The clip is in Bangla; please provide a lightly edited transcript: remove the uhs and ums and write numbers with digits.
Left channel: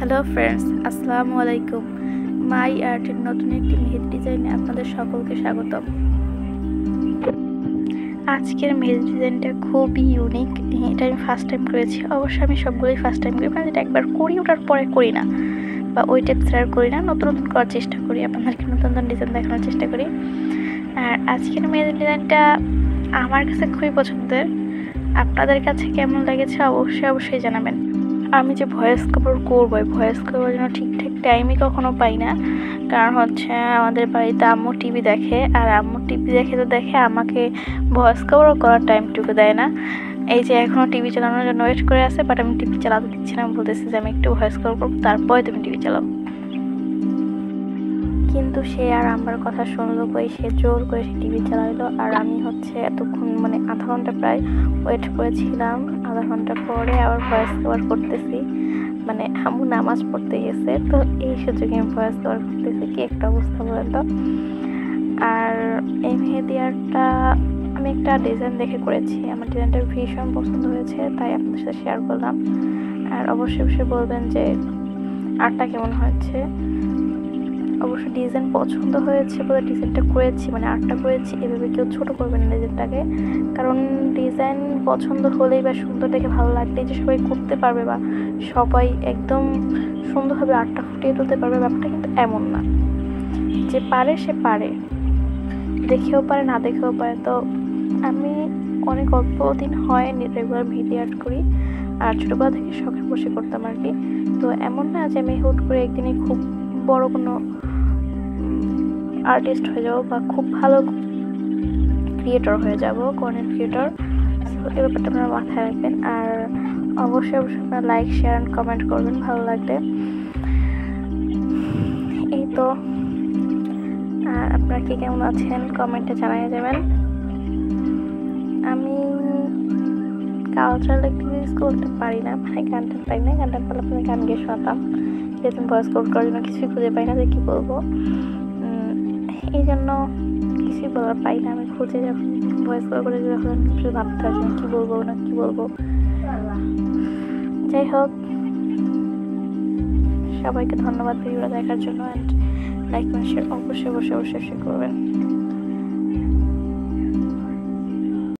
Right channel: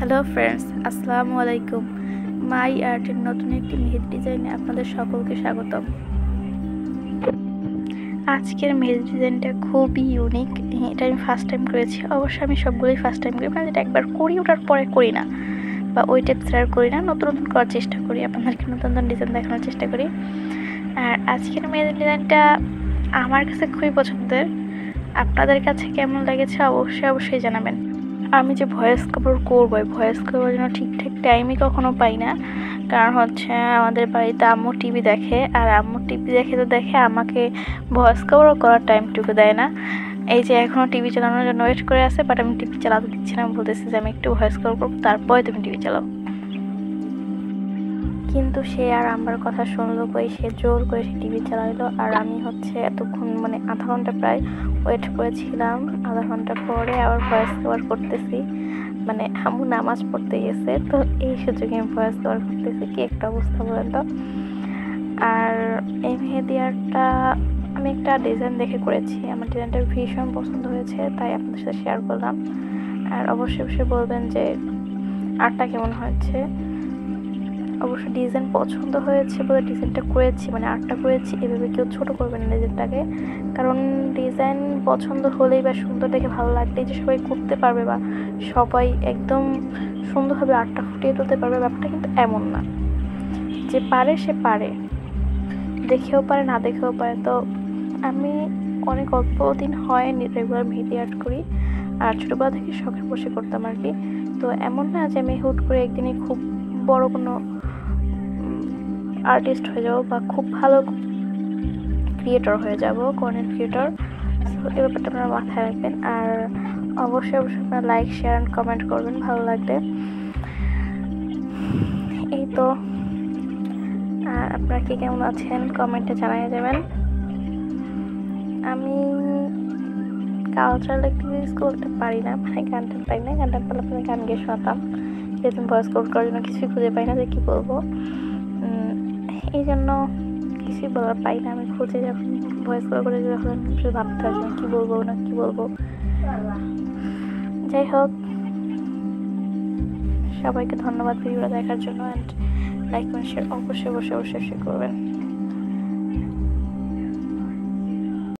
হ্যালো ফ্রেন্ডস, আসসালামু আলাইকুম। মাই আর্টের নতুন একটি মেহেদি ডিজাইনে আপনাদের সকলকে স্বাগতম। আজকের মেহেদি ডিজাইনটা খুবই ইউনিক। এটা আমি ফার্স্ট টাইম করেছি। অবশ্যই আমি সবগুলোই ফার্স্ট টাইম করি, মানে যেটা একবার করি ওটার পরে করি না, বা ওই টাইপস আর করি না। নতুন নতুন করার চেষ্টা করি, আপনাদেরকে নতুন নতুন ডিজাইন দেখানোর চেষ্টা করি। আর আজকের মেহেদি ডিজাইনটা আমার কাছে খুবই পছন্দের। আপনাদের কাছে কেমন লেগেছে অবশ্যই জানাবেন। আমি যে ভয়েস কভার করবো, ভয়েস কভার জন্য ঠিকঠাক টাইমই কখনো পাই না। কারণ হচ্ছে আমাদের বাড়িতে আম্মু টিভি দেখে, আর আম্মু টিভি দেখে আমাকে ভয়েস কভারও করার টাইমটুকু দেয় না। এই যে এখনও টিভি চালানোর জন্য ওয়েট করে আছে, বাট আমি টিভি চালাতে দিচ্ছি না। বলতেছি যে আমি একটু ভয়েস কভার করবো, তারপরে তুমি টিভি চালাও। কিন্তু সে আর আমার কথা শুনলো কই, সে জোর করে সে টিভি চালাইলো। আর আমি হচ্ছে এতক্ষণ মানে আধা ঘন্টা প্রায় ওয়েট করেছিলাম। আধা ঘন্টা পরে আবার ভয়েস কভার করতেছি, মানে আম্মু নামাজ পড়তে গেছে, তো এই সুযোগে আমি ভয়েস কভার করতেছি। কি একটা অবস্থা বলেন তো। আর এই মেহেদি আর্টটা আমি একটা ডিজাইন দেখে করেছি, আমার ডিজাইনটা ভীষণ পছন্দ হয়েছে, তাই আপনাদের সাথে শেয়ার করলাম। আর অবশ্যই বলবেন যে আর্টটা কেমন হয়েছে। অবশ্য ডিজাইন পছন্দ হয়েছে বলে ডিজাইনটা করেছি, মানে আর্টটা করেছি। এভাবে কেউ ছোট করবে না ডিজাইনটাকে, কারণ ডিজাইন পছন্দ হলেই বা সুন্দর দেখে ভালো লাগলেই যে সবাই করতে পারবে বা সবাই একদম সুন্দরভাবে আর্টটা ফুটিয়ে তুলতে পারবে, ব্যাপারটা কিন্তু এমন না। যে পারে সে পারে, দেখেও পারে না দেখেও পারে। তো আমি অনেক অল্প দিন হয় রেগুলার মেহেদি আর্ট করি, আর ছোটোবেলা থেকে শখের বসে করতাম আর কি। তো এমন না যে আমি হুট করে একদিনে খুব বড় কোনো আর্টিস্ট হয়ে যাবো বা খুব ভালো ক্রিয়েটর হয়ে যাব, কন্টেন্ট ক্রিয়েটর। তো এই ব্যাপারটা আপনারা মাথায় রাখবেন। আর অবশ্যই আপনারা লাইক, শেয়ার অ্যান্ড কমেন্ট করবেন ভালো লাগলে। এই তো। আর আপনারা কে কেমন আছেন কমেন্টে জানিয়ে যাবেন। আমি কালচারাল অ্যাক্টিভিটিস করতে পারি না, মানে গানটা পাই না। গানটা পারলে আপনাদের গান গিয়ে শোনাতাম, যেহেতু ভয়েস কোড করার জন্য কিছুই খুঁজে পাই না যে কী বলবো। এই জন্য কিছুই বলার পাই না। আমি খুঁজে যখন ভয়েস করে যখন শুধু ভাবতে আসি কী বলবো। যাই হোক, সবাইকে ধন্যবাদ ভিডিওটা দেখার জন্য। অ্যান্ড লাইক কমেন্ট শেয়ার অবশ্যই করবেন।